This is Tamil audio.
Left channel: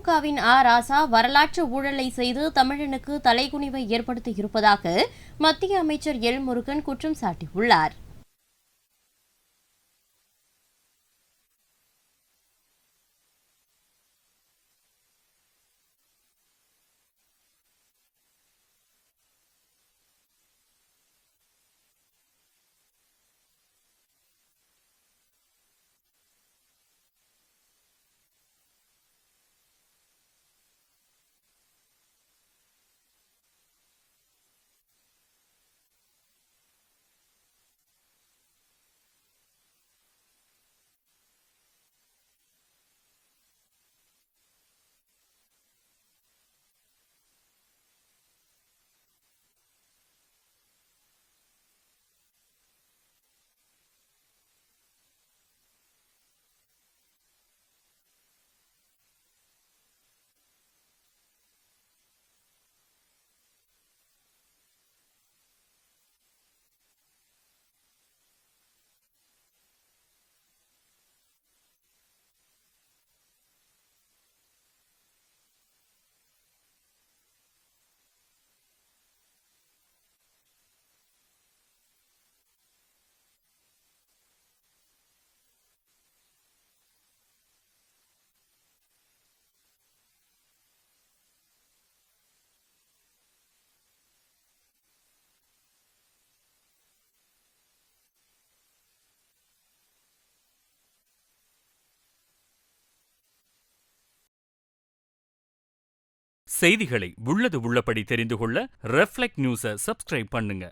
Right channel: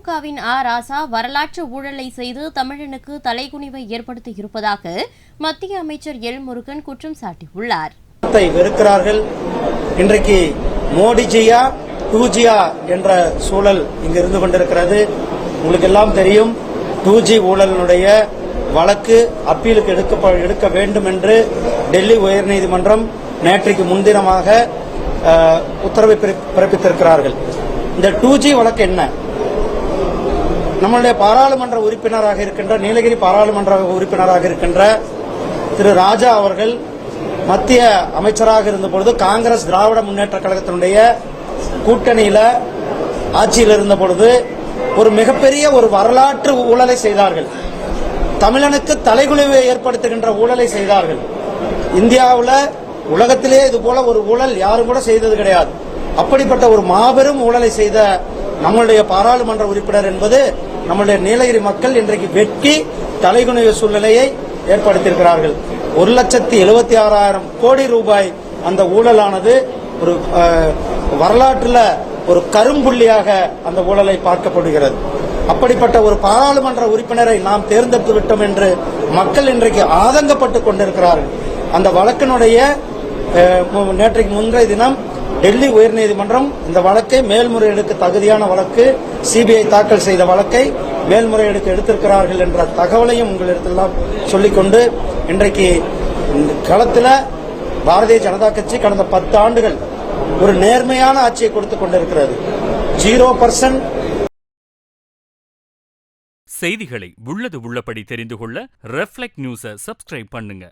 திமுகவின் ராசா வரலாற்று ஊழலை செய்து தமிழனுக்கு தலைகுனிவை ஏற்படுத்தி இருப்பதாக மத்திய அமைச்சர் எல் முருகன் குற்றம் சாட்டியுள்ளார். வெறுக்கிறார்கள். இன்றைக்கு மோடிஜியா 2G என்ற சூழல் இங்கு இருந்து கொண்டிருக்கிறது. உங்களுக்கு எல்லாம் தெரியும், 2G ஊழலினுடைய வழக்கு அப்பீலுக்கு எடுக்க வேண்டும் என்று டெல்லி உயர்நீதிமன்றம் நேற்றைக்கு முன்தினமாக உத்தரவை பிறப்பித்திருக்கிறார்கள். இந்த 2G வழக்கு என்ன? நம்மளுடைய பாராளுமன்ற உறுப்பினராக இருக்கின்ற நீலகிரி பாராளுமன்ற உறுப்பினராக இருக்கின்ற திரு ராஜா அவர்கள் மத்திய அமைச்சராக இருந்தபொழுது காங்கிரஸ் திராவிட முன்னேற்ற கழகத்தினுடைய கூட்டணியில ஆட்சியில் இருந்த பொழுது ஒரு மிகப்பெரிய ஒரு வரலாற்று ஊழலை செய்தார்கள். தமிழனுக்கு தலைகுனிவை ஏற்படுத்துகின்ற ஊழலை செய்தார்கள். இந்தியாவில் உலகத்திலே இது போல ஒரு ஊழல் யாரும் கூட செய்தது கிடையாது. அப்படிப்பட்ட ஒரு மாபெரும் ஊழலை செய்த நம்மளுடைய பாராளுமன்ற உறுப்பினர் என்பது நம்முடைய நீலகிரி மக்கள் இன்றைக்கு வெட்கி தலைகுனிவு சூழ்நிலையை ஏற்படுத்தியிருக்கிறார்கள். 1,76,000 கோடி ரூபாய் அந்த ஊழலானது ஒரு வரலாற்றில் ஒரு கரும்புள்ளியாக அந்த ஊழலை பார்க்கப்படுகிறது. அப்படிப்பட்ட ஒரு பாராளுமன்ற உறுப்பினரை நாம் தேர்ந்தெடுத்து விட்டோம் என்று மக்கள் இன்றைக்கு ஆதங்கப்பட்டுக் கொண்டிருக்கிறார்கள். அந்த வழக்கினுடைய நேற்றைக்கு முந்தைய தினம் டெல்லி உயர்நீதிமன்றம் இந்த வழக்கை மேல்முறையீடுக்கு தகுதியான வழக்கு, சிபிஐ தாக்கல் செய்த வழக்கை மேல்முறையீடுக்கு எடுத்திருக்கிறார்கள் என்ற தகவலையும் உங்களிடத்தெல்லாம் சொல்லிக்கொண்டு, இன்றைக்கு களத்தில் பாரதிய ஜனதா கட்சி கடந்த 10 ஆண்டுகள் ஒரு நேர்மையான ஆட்சியை கொடுத்துக் கொண்டிருக்கிறது. 0% செய்திகளை உள்ளது உள்ளபடி தெரிந்து கொள்ள ரெஃப்ளெக்ட் நியூஸை சப்ஸ்கிரைப் பண்ணுங்க.